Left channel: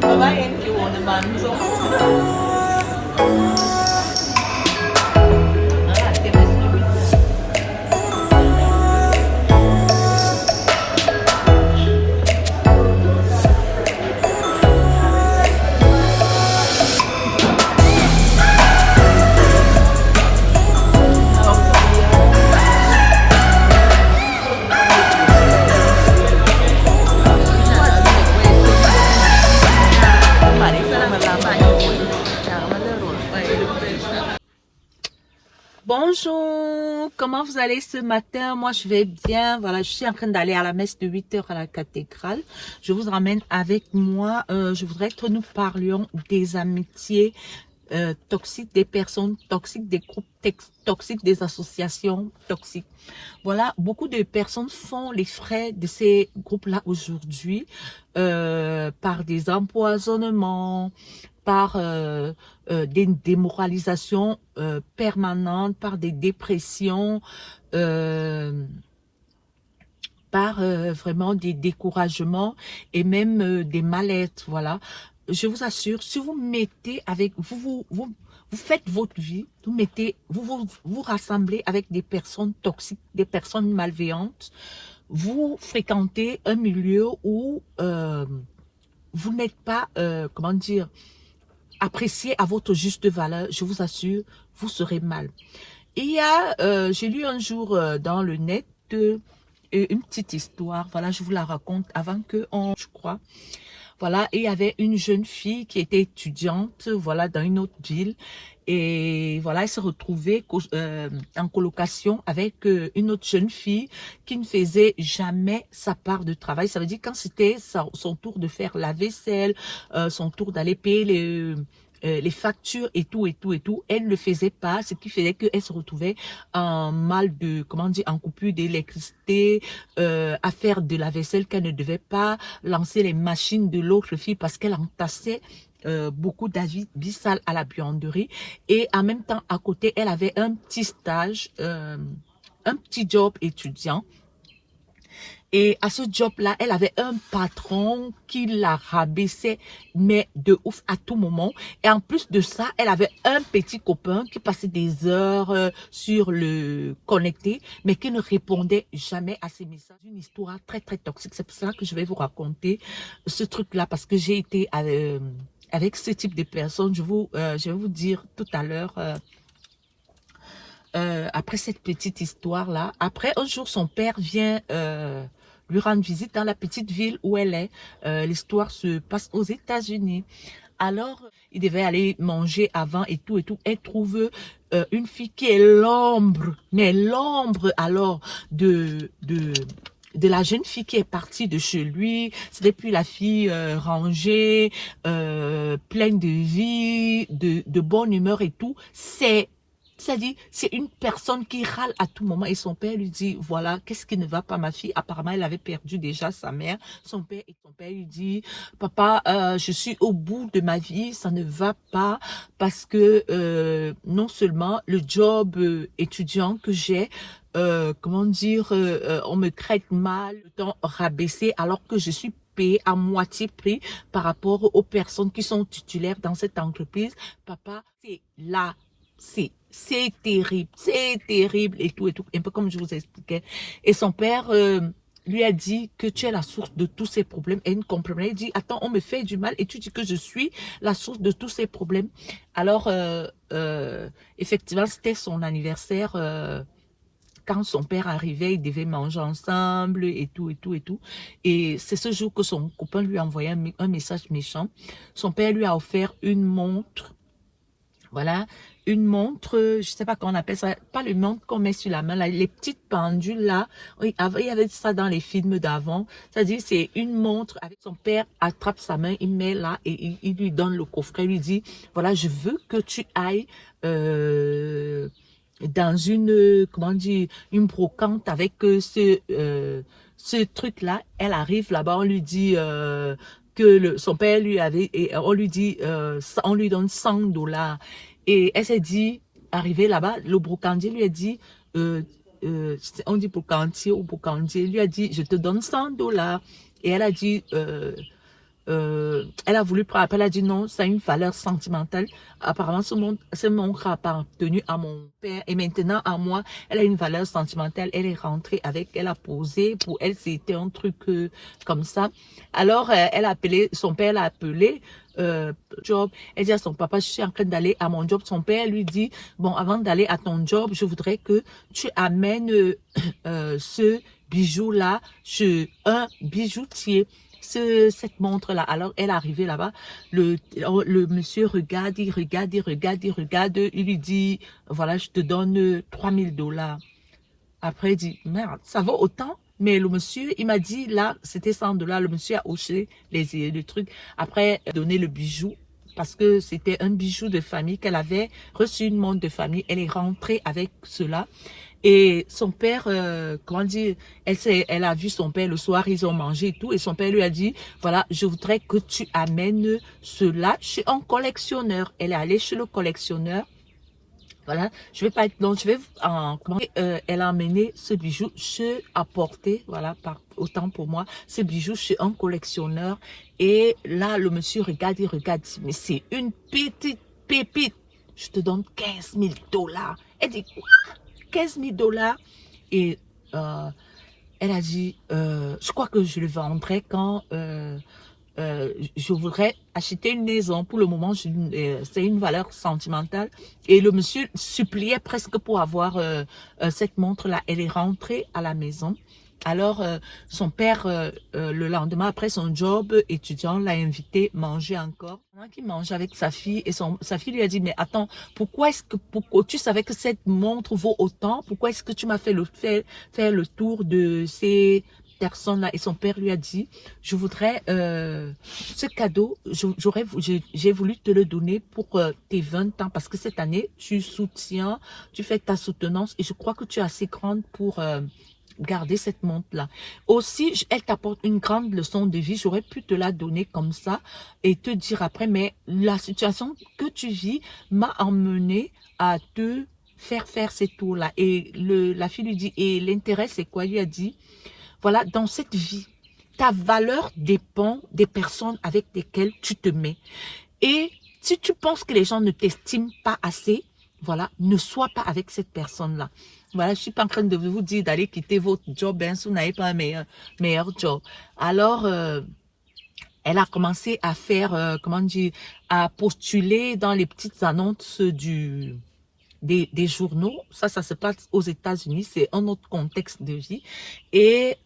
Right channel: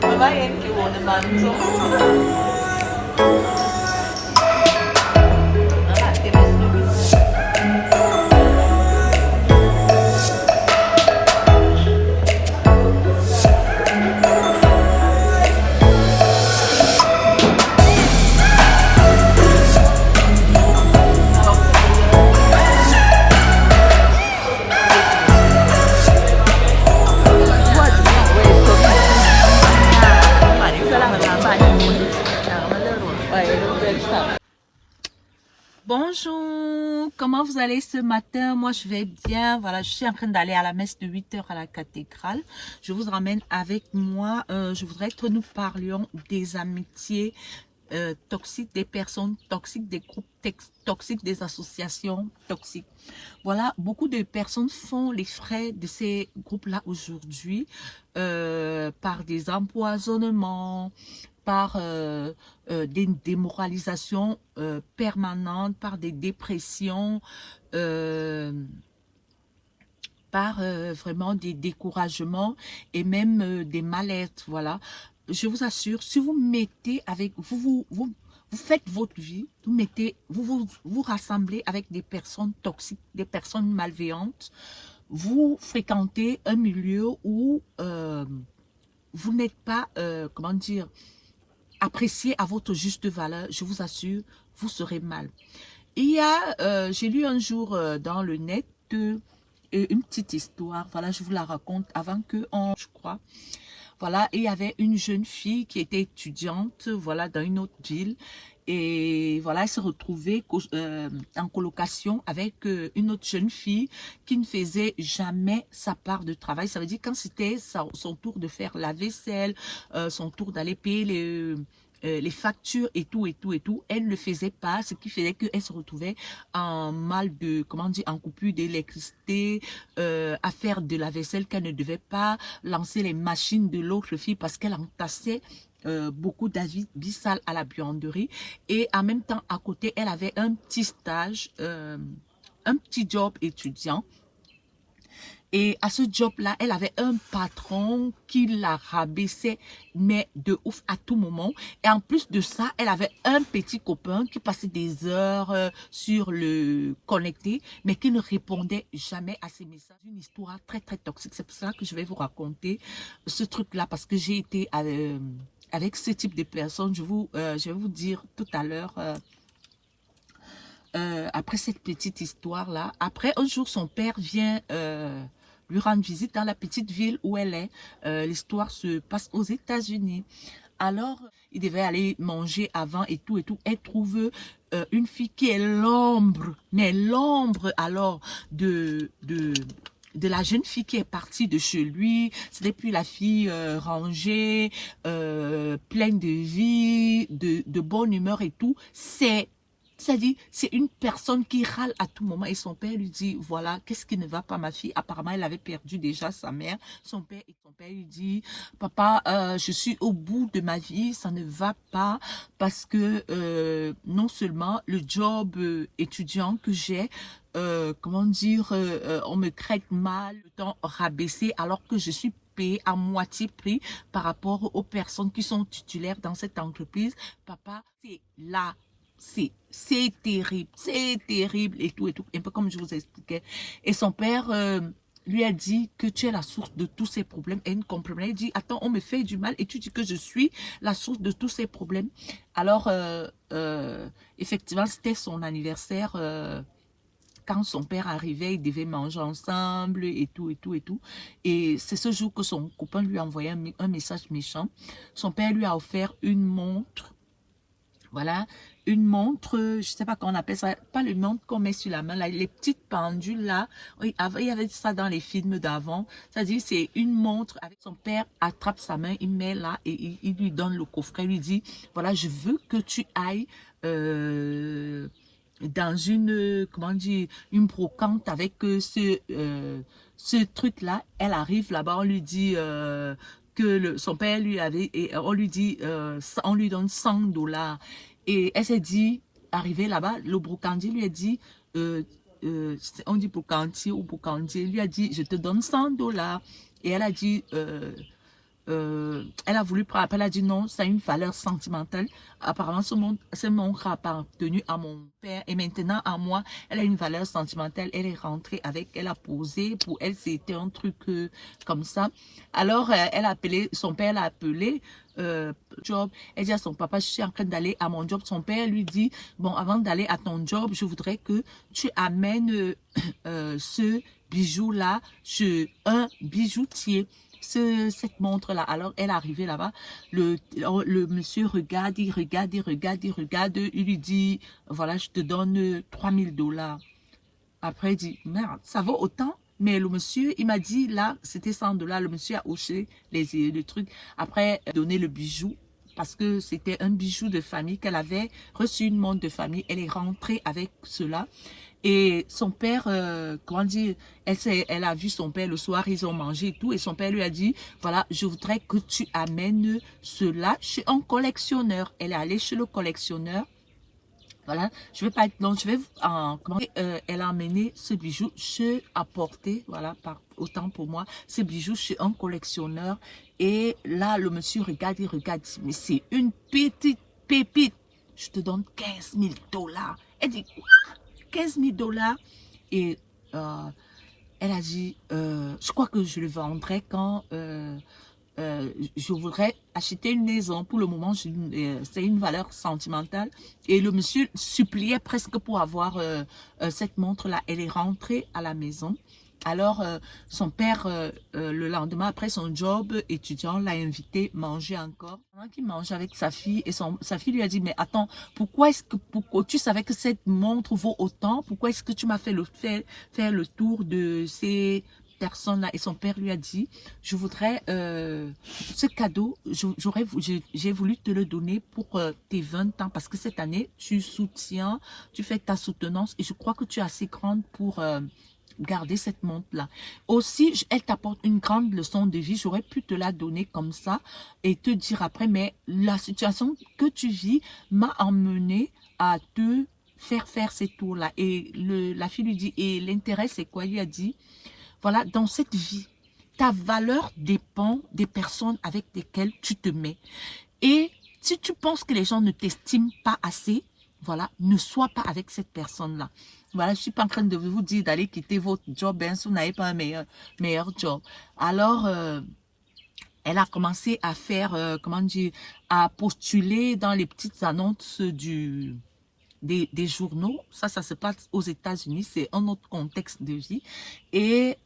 Kailangan yun naman. So, bonjour, comment vous allez ce matin? Moi, je vais bien. Voilà, je suis en train d'aller à la messe de 8 h à la cathédrale. Je vous ramène avec moi. Je voudrais que nous parlions des amitiés toxiques, des personnes toxiques, des groupes toxiques, des associations toxiques. Voilà, beaucoup de personnes font les frais de ces groupes-là aujourd'hui par des empoisonnements, par des démoralisations permanentes, par des dépressions, par vraiment des découragements et même des mal-être. Voilà, je vous assure, si vous mettez avec vous faites votre vie, vous rassemblez avec des personnes toxiques, des personnes malveillantes, vous fréquentez un milieu où vous n'êtes pas, comment dire, apprécié à votre juste valeur, je vous assure, vous serez mal. Il y a, j'ai lu un jour dans le net une petite histoire, voilà, je vous la raconte avant que je crois. Voilà, et il y avait une jeune fille qui était étudiante, voilà, dans une autre ville. Et voilà, elle se retrouvait en colocation avec une autre jeune fille qui ne faisait jamais sa part de travail. Ça veut dire quand c'était son tour de faire la vaisselle, son tour d'aller payer les factures et tout, elle ne le faisait pas, ce qui faisait qu'elle se retrouvait en mal de, comment dire, en coupure d'électricité, à faire de la vaisselle qu'elle ne devait pas, lancer les machines de l'autre fille parce qu'elle entassait beaucoup d'avis sales à la buanderie. Et en même temps, à côté, elle avait un petit stage, un petit job étudiant. Et à ce job-là, elle avait un patron qui la rabaissait, mais de ouf à tout moment. Et en plus de ça, elle avait un petit copain qui passait des heures sur le connecté, mais qui ne répondait jamais à ses messages. Une histoire très, très toxique. C'est pour ça que je vais vous raconter ce truc-là, parce que j'ai été avec ce type de personnes. Je vais vous dire tout à l'heure... après cette petite histoire-là, après un jour, son père vient lui rendre visite dans la petite ville où elle est. L'histoire se passe aux États-Unis. Alors, il devait aller manger avant et tout. Elle trouve une fille qui est l'ombre, mais l'ombre alors de la jeune fille qui est partie de chez lui. C'était plus la fille rangée, pleine de vie, de bonne humeur et tout. C'est-à-dire, c'est une personne qui râle à tout moment et son père lui dit, voilà, qu'est-ce qui ne va pas ma fille? Apparemment, elle avait perdu déjà sa mère, son père lui dit, papa, je suis au bout de ma vie, ça ne va pas parce que non seulement le job étudiant que j'ai, comment dire, on me traite mal, le temps rabaissé alors que je suis payé à moitié prix par rapport aux personnes qui sont titulaires dans cette entreprise. Papa, c'est là. C'est terrible et tout, un peu comme je vous expliquais. Et son père lui a dit que tu es la source de tous ces problèmes. Et il ne comprenait, il dit, attends, on me fait du mal et tu dis que je suis la source de tous ces problèmes. Alors, effectivement, c'était son anniversaire. Quand son père arrivait, ils devaient manger ensemble et tout. Et c'est ce jour que son copain lui a envoyé un message méchant. Son père lui a offert une montre. Voilà, une montre, je ne sais pas comment on appelle ça, pas le montre qu'on met sur la main, là, les petites pendules là, il y avait ça dans les films d'avant, c'est-à-dire c'est une montre avec son père attrape sa main, il met là et il lui donne le coffret, il lui dit, voilà, je veux que tu ailles dans une, comment dire, une brocante avec ce truc-là, elle arrive là-bas, on lui dit... son père lui avait, et on lui dit, on lui donne 100 $. Et elle s'est dit, arrivée là-bas, le brocandier lui a dit, on dit Bocantier ou Bocantier, lui a dit, je te donne 100 $. Et elle a dit, elle a voulu prendre, elle a dit non, ça a une valeur sentimentale. Apparemment, ce montre a appartenu à mon père et maintenant à moi, elle a une valeur sentimentale. Elle est rentrée avec, elle a posé, pour elle, c'était un truc comme ça. Alors, elle a appelé, son père l'a appelé, job. Elle dit à son papa, je suis en train d'aller à mon job. Son père lui dit, bon, avant d'aller à ton job, je voudrais que tu amènes ce bijou-là chez un bijoutier. Cette montre-là. Alors, elle est arrivée là-bas. Le monsieur regarde, il regarde, il regarde, il regarde. Il lui dit, voilà, je te donne 3000 $. Après, il dit, merde, ça vaut autant? Mais le monsieur, il m'a dit, là, c'était 100 $. Le monsieur a hoché les trucs. Après, donné le bijou. Parce que c'était un bijou de famille qu'elle avait reçu, une montre de famille. Elle est rentrée avec cela. Et son père, comment dire, elle a vu son père le soir, ils ont mangé et tout. Et son père lui a dit, voilà, je voudrais que tu amènes cela chez un collectionneur. Elle est allée chez le collectionneur. Voilà, je vais pas être long, je vais elle a amené ce bijou chez apporté, voilà, autant pour moi, ce bijou chez un collectionneur. Et là, le monsieur regarde, il regarde, mais c'est une petite pépite. Je te donne 15 000 $. Elle dit, quoi? 15 000 $. Et elle a dit, je crois que je le vendrai quand je voudrais acheter une maison. Pour le moment, c'est une valeur sentimentale. Et le monsieur suppliait presque pour avoir cette montre-là. Elle est rentrée à la maison. Alors, son père, le lendemain, après son job étudiant, l'a invité manger encore. Pendant qu'il mange avec sa fille, et sa fille lui a dit, mais attends, pourquoi tu savais que cette montre vaut autant? Pourquoi est-ce que tu m'as fait faire le tour de ces personnes-là? Et son père lui a dit, je voudrais, ce cadeau, j'ai voulu te le donner pour tes 20 ans, parce que cette année, tu soutiens, tu fais ta soutenance, et je crois que tu es assez grande pour garder cette montre-là. Aussi, elle t'apporte une grande leçon de vie. J'aurais pu te la donner comme ça et te dire après, mais la situation que tu vis m'a emmené à te faire ces tours-là. Et la fille lui dit, et l'intérêt, c'est quoi? Il lui a dit, voilà, dans cette vie, ta valeur dépend des personnes avec lesquelles tu te mets. Et si tu penses que les gens ne t'estiment pas assez, voilà, ne sois pas avec cette personne-là. Voilà, je ne suis pas en train de vous dire d'aller quitter votre job si vous n'avez pas un meilleur job. Alors, elle a commencé à faire, comment dire, à postuler dans les petites annonces des journaux. Ça se passe aux États-Unis, c'est un autre contexte de vie. Et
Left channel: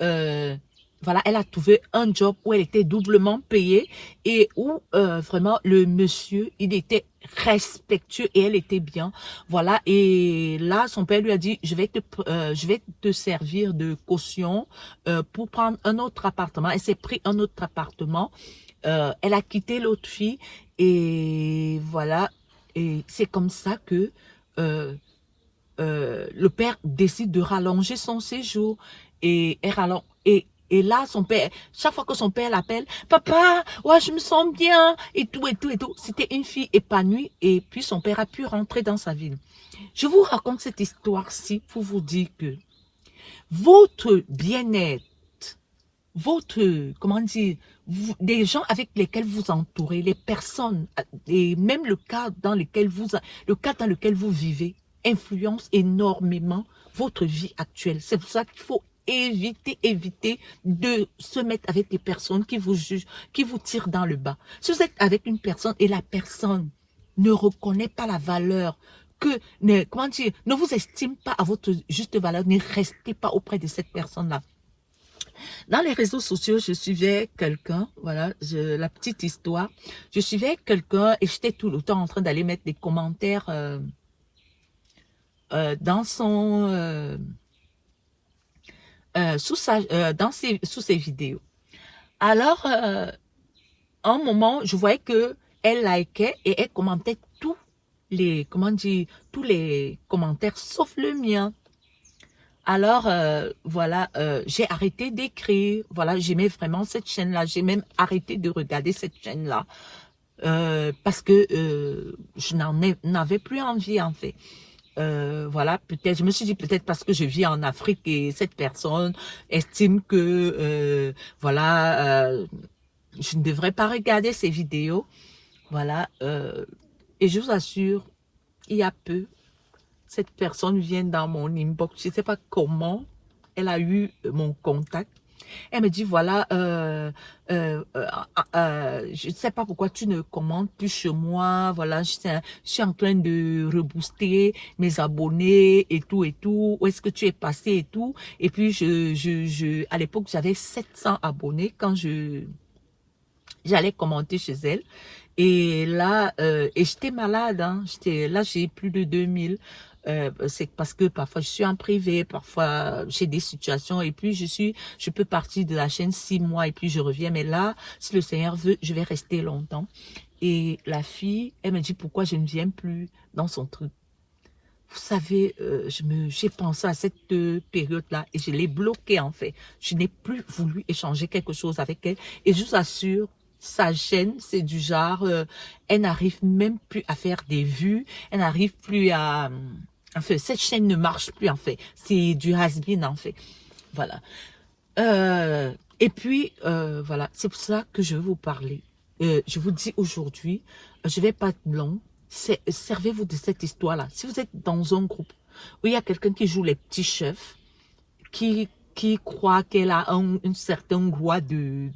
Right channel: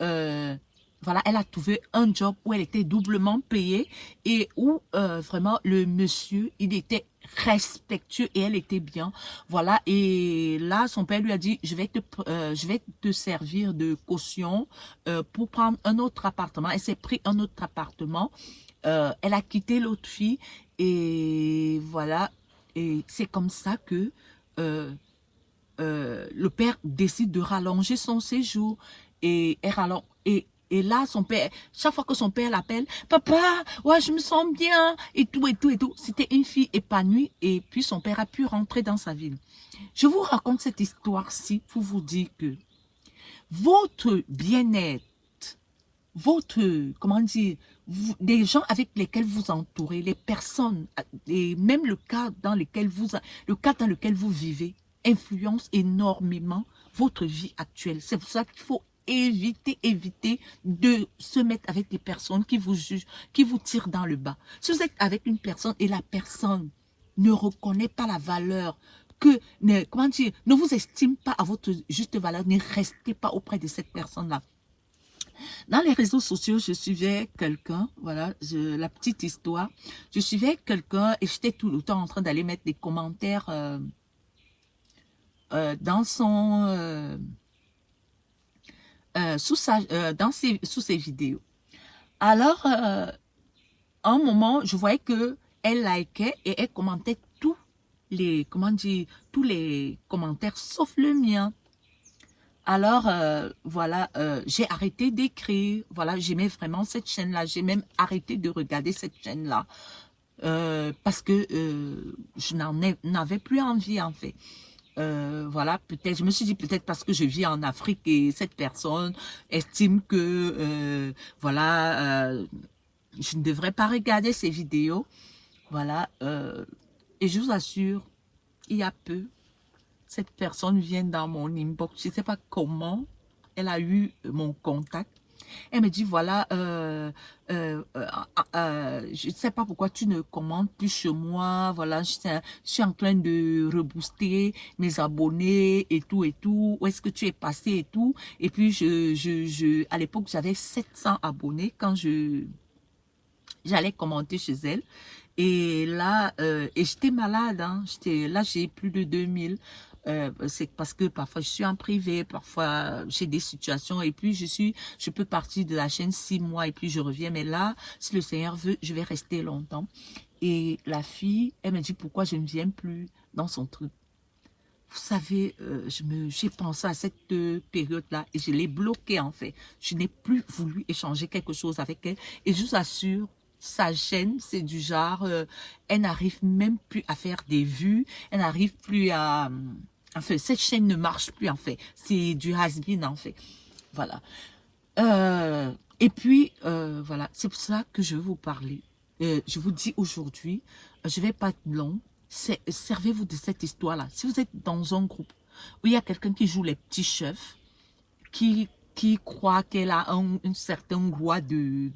voilà, elle a trouvé un job où elle était doublement payée et où vraiment le monsieur, il était respectueux et elle était bien. Voilà, et là, son père lui a dit, je vais te servir de caution pour prendre un autre appartement. Elle s'est pris un autre appartement. Elle a quitté l'autre fille et voilà, et c'est comme ça que le père décide de rallonger son séjour et là, son père, chaque fois que son père l'appelle, papa, ouais, je me sens bien, et tout, et tout, et tout. C'était une fille épanouie, et puis son père a pu rentrer dans sa ville. Je vous raconte cette histoire-ci pour vous dire que votre bien-être, comment dire, des gens avec lesquels vous entourez, les personnes, et même le cadre dans lequel vous vivez, influence énormément votre vie actuelle. C'est pour ça qu'il faut éviter de se mettre avec des personnes qui vous jugent, qui vous tirent dans le bas. Si vous êtes avec une personne et la personne ne reconnaît pas la valeur, ne vous estime pas à votre juste valeur, ne restez pas auprès de cette personne-là. Dans les réseaux sociaux, je suivais quelqu'un, voilà, la petite histoire, je suivais quelqu'un et j'étais tout le temps en train d'aller mettre des commentaires dans son... sous ses vidéos. Alors, un moment, je voyais que elle likait et elle commentait tous les commentaires sauf le mien. Alors, voilà, j'ai arrêté d'écrire. Voilà, j'aimais vraiment cette chaîne-là. J'ai même arrêté de regarder cette chaîne-là parce que je n'avais plus envie, en fait. voilà, peut-être, je me suis dit peut-être parce que je vis en Afrique et cette personne estime que, voilà, je ne devrais pas regarder ces vidéos. Voilà, et je vous assure, il y a peu, cette personne vient dans mon inbox, je ne sais pas comment elle a eu mon contact. Elle me dit, voilà, je ne sais pas pourquoi tu ne commandes plus chez moi. Voilà, je suis en train de rebooster mes abonnés et tout et tout. Où est-ce que tu es passé et tout. Et puis, à l'époque, j'avais 700 abonnés quand j'allais commenter chez elle. Et là, et j'étais malade, hein. Là, j'ai plus de 2000. C'est parce que parfois je suis en privé, parfois j'ai des situations et puis je peux partir de la chaîne 6 mois et puis je reviens. Mais là, si le Seigneur veut, je vais rester longtemps. Et la fille, elle me dit pourquoi je ne viens plus dans son truc. Vous savez, j'ai pensé à cette période-là et je l'ai bloquée en fait. Je n'ai plus voulu échanger quelque chose avec elle et je vous assure, sa chaîne, c'est du genre, elle n'arrive même plus à faire des vues, elle n'arrive plus à... En fait, cette chaîne ne marche plus en fait. C'est du has-been en fait. Voilà. Et puis, voilà, c'est pour ça que je veux vous parler. Je vous dis aujourd'hui, je ne vais pas être long. Servez-vous de cette histoire-là. Si vous êtes dans un groupe où il y a quelqu'un qui joue les petits chefs, qui croit qu'elle a un certain droit de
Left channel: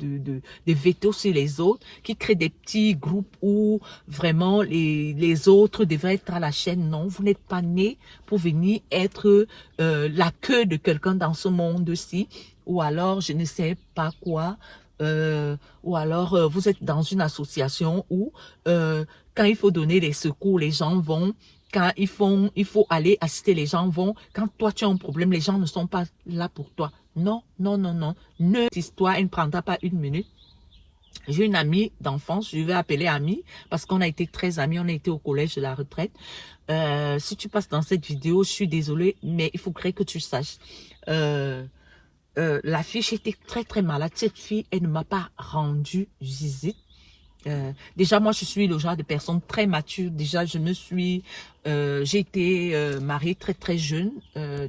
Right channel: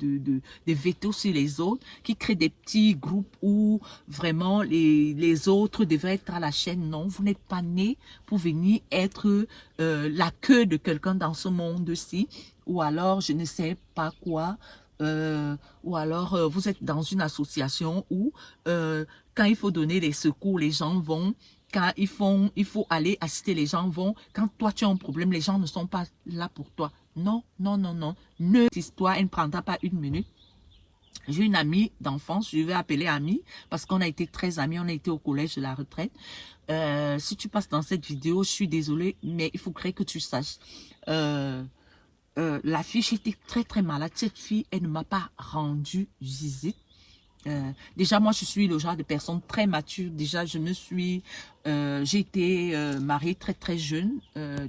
veto sur les autres, qui crée des petits groupes où vraiment les autres devraient être à la chaîne. Non, vous n'êtes pas né pour venir être la queue de quelqu'un dans ce monde-ci, ou alors je ne sais pas quoi, ou alors vous êtes dans une association où quand il faut donner les secours, les gens vont. Quand il faut aller assister, les gens vont. Quand toi, tu as un problème, les gens ne sont pas là pour toi. Non, non, non, non. Cette histoire, elle ne prendra pas une minute. J'ai une amie d'enfance, je vais appeler amie, parce qu'on a été très amis, on a été au collège de la retraite. Si tu passes dans cette vidéo, je suis désolée, mais il faudrait que tu saches. La fille, j'étais très, très malade. Cette fille, elle ne m'a pas rendu visite. Déjà, moi, je suis le genre de personne très mature. Déjà, j'ai été mariée très, très jeune.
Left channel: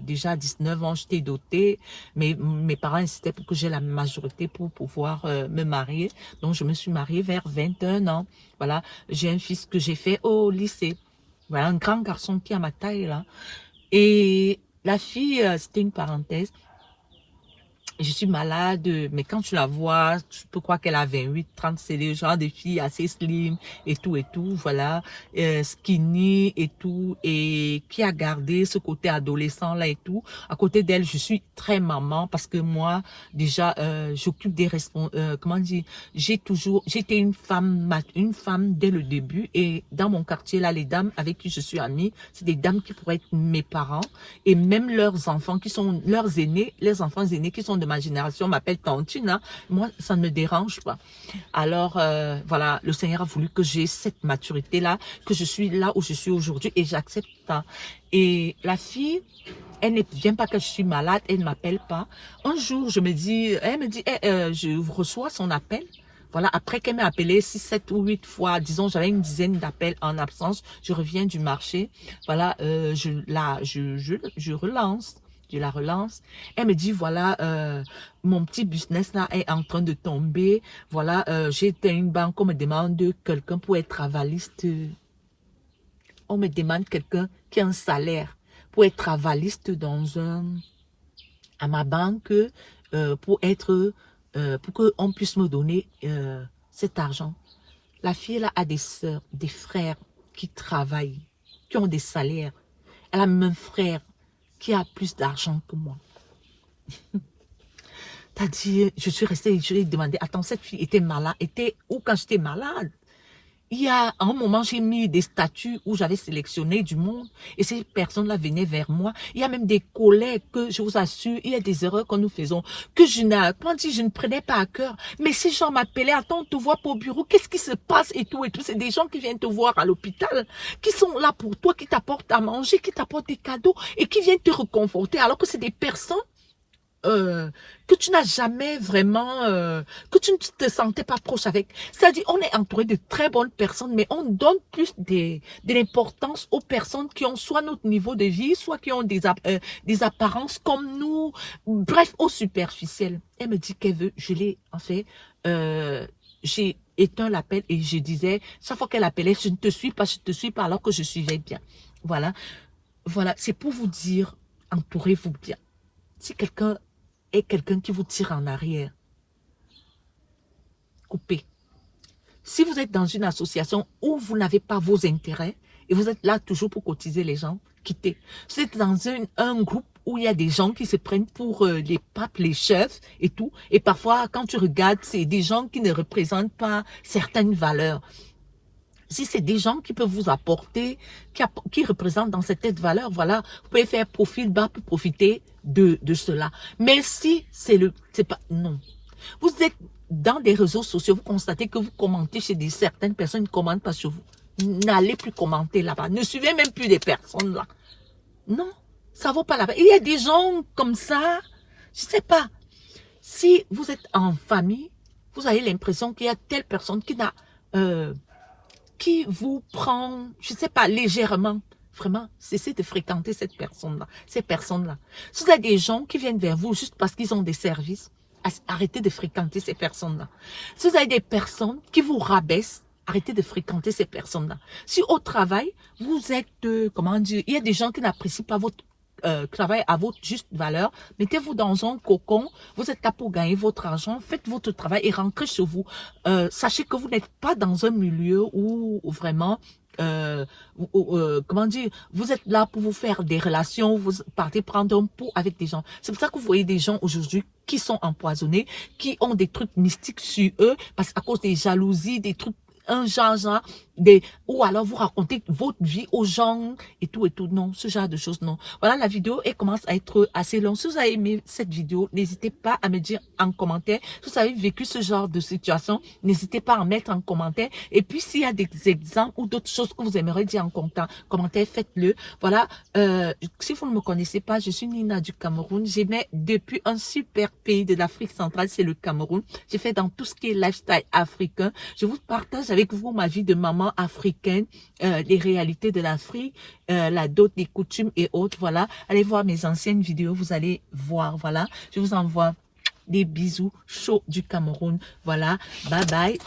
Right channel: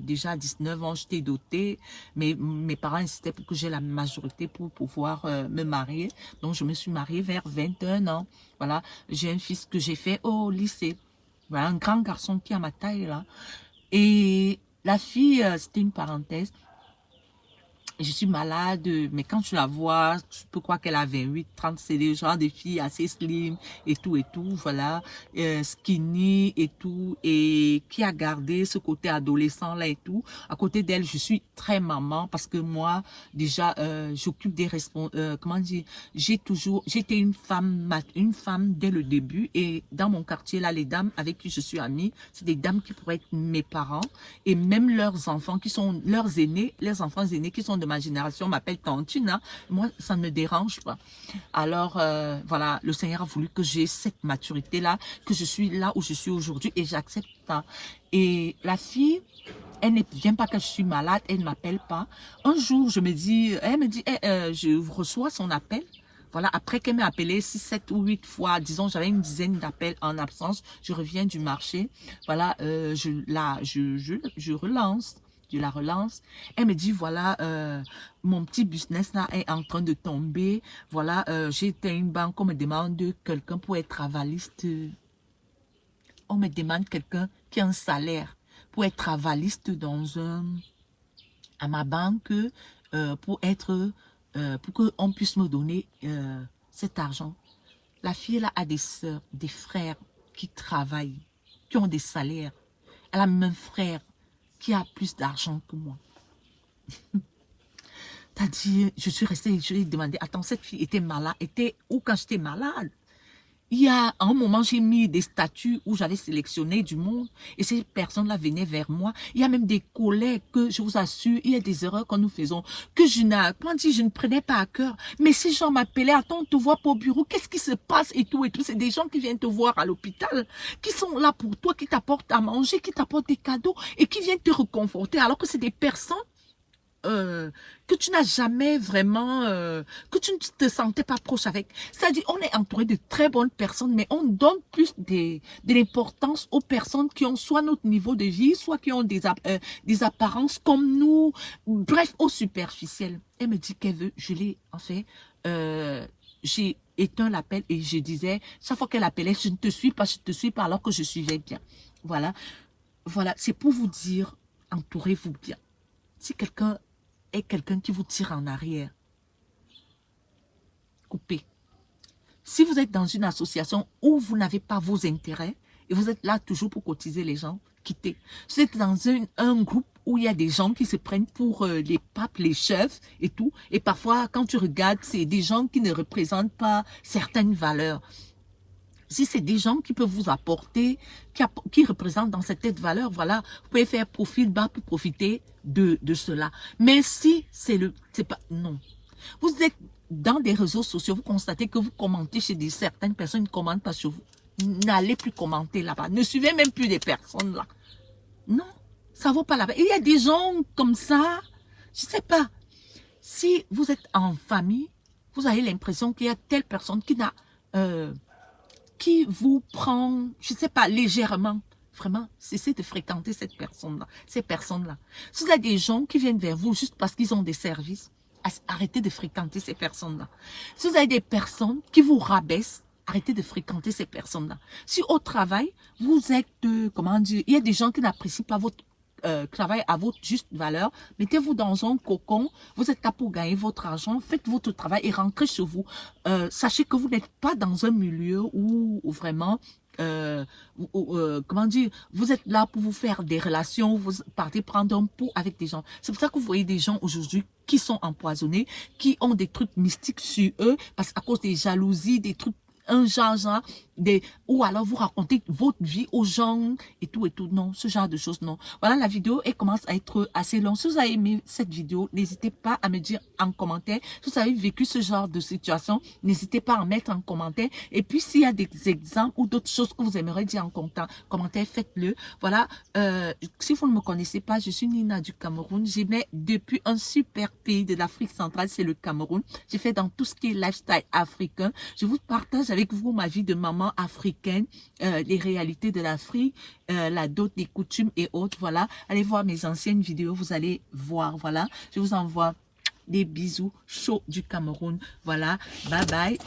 Déjà, à 19 ans, j'étais dotée. Mais mes parents insistaient pour que j'ai la majorité pour pouvoir me marier. Donc, je me suis mariée vers 21 ans. Voilà, j'ai un fils que j'ai fait au lycée. Voilà, un grand garçon qui a ma taille, là. Et la fille, c'était une parenthèse. Je suis malade, mais quand tu la vois, tu peux croire qu'elle a 28, 30, c'est le genre de fille assez slim et tout, voilà, skinny et tout, et qui a gardé ce côté adolescent là et tout. À côté d'elle, je suis très maman parce que moi, déjà, j'occupe des responsabilités, comment dire, j'étais une femme dès le début et dans mon quartier là, les dames avec qui je suis amie, c'est des dames qui pourraient être mes parents et même leurs enfants qui sont leurs aînés, les enfants aînés qui sont de ma génération m'appellent tantine, hein. Moi, ça ne me dérange pas. Alors, voilà, le Seigneur a voulu que j'ai cette maturité-là, que je suis là où je suis aujourd'hui et j'accepte ça. Et la fille, elle ne vient pas que je suis malade, elle ne m'appelle pas. Un jour, elle me dit, je reçois son appel. Voilà, après qu'elle m'ait appelé 6, 7 ou 8 fois, disons, j'avais une dizaine d'appels en absence, je reviens du marché. Voilà, je relance. Je la relance. Elle me dit, voilà, mon petit business là est en train de tomber. Voilà, j'ai été à une banque, on me demande quelqu'un pour être avaliste. On me demande quelqu'un qui a un salaire pour être avaliste à ma banque pour qu'on puisse me donner cet argent. La fille là a des sœurs, des frères qui travaillent, qui ont des salaires. Elle a même un frère qui a plus d'argent que moi. T'as dit, je suis restée, je lui ai demandé, attends, cette fille était malade, était où quand j'étais malade? Il y a un moment, j'ai mis des statuts où j'avais sélectionné du monde et ces personnes-là venaient vers moi. Il y a même des collègues que, je vous assure, il y a des erreurs que nous faisons, que je ne prenais pas à cœur. Mais ces gens m'appelaient, attends, on te voit pas au bureau, qu'est-ce qui se passe et tout et tout. C'est des gens qui viennent te voir à l'hôpital, qui sont là pour toi, qui t'apportent à manger, qui t'apportent des cadeaux et qui viennent te reconforter alors que c'est des personnes que tu n'as jamais vraiment, que tu ne te sentais pas proche avec. C'est-à-dire, on est entouré de très bonnes personnes, mais on donne plus de l'importance aux personnes qui ont soit notre niveau de vie, soit qui ont des apparences comme nous, bref, au superficiel. Elle me dit qu'elle veut, je l'ai, en fait, j'ai éteint l'appel et je disais, chaque fois qu'elle appelait, je ne te suis pas, alors que je suivais bien. Voilà, voilà, c'est pour vous dire, entourez-vous bien. Si quelqu'un est quelqu'un qui vous tire en arrière, coupez. Si vous êtes dans une association où vous n'avez pas vos intérêts et vous êtes là toujours pour cotiser les gens, quittez. Si vous êtes dans un groupe où il y a des gens qui se prennent pour les papes, les chefs et tout, et parfois quand tu regardes, c'est des gens qui ne représentent pas certaines valeurs. Si c'est des gens qui peuvent vous apporter, qui représentent dans cette valeur, voilà, vous pouvez faire profil bas pour profiter de cela. Mais si c'est pas, non. Vous êtes dans des réseaux sociaux, vous constatez que vous commentez chez certaines personnes, ils ne commentent pas sur vous. N'allez plus commenter là-bas. Ne suivez même plus des personnes là. Non, ça vaut pas la peine. Il y a des gens comme ça, je ne sais pas. Si vous êtes en famille, vous avez l'impression qu'il y a telle personne qui vous prend, je ne sais pas, légèrement. Vraiment, cessez de fréquenter cette personne-là, ces personnes-là. Si vous avez des gens qui viennent vers vous juste parce qu'ils ont des services, arrêtez de fréquenter ces personnes-là. Si vous avez des personnes qui vous rabaissent, arrêtez de fréquenter ces personnes-là. Si au travail, vous êtes, comment dire, il y a des gens qui n'apprécient pas votre travail à votre juste valeur, mettez-vous dans un cocon, vous êtes là pour gagner votre argent, faites votre travail et rentrez chez vous. Sachez que vous n'êtes pas dans un milieu où vraiment, comment dire, vous êtes là pour vous faire des relations, vous partez prendre un pot avec des gens. C'est pour ça que vous voyez des gens aujourd'hui qui sont empoisonnés, qui ont des trucs mystiques sur eux, parce qu'à cause des jalousies, des trucs genre, ou alors vous racontez votre vie aux gens et tout, non, ce genre de choses, non. Voilà, la vidéo, elle commence à être assez longue. Si vous avez aimé cette vidéo, n'hésitez pas à me dire en commentaire. Si vous avez vécu ce genre de situation, n'hésitez pas à mettre en commentaire. Et puis, s'il y a des exemples ou d'autres choses que vous aimeriez dire en commentaire, faites-le. Voilà, si vous ne me connaissez pas, je suis Nina du Cameroun. J'aimais depuis un super pays de l'Afrique centrale, c'est le Cameroun. J'ai fait dans tout ce qui est lifestyle africain. Je vous partage avec vous ma vie de maman africaine, les réalités de l'Afrique, la dot, les coutumes et autres. Voilà, allez voir mes anciennes vidéos, vous allez voir. Voilà, je vous envoie des bisous chauds du Cameroun. Voilà, bye bye.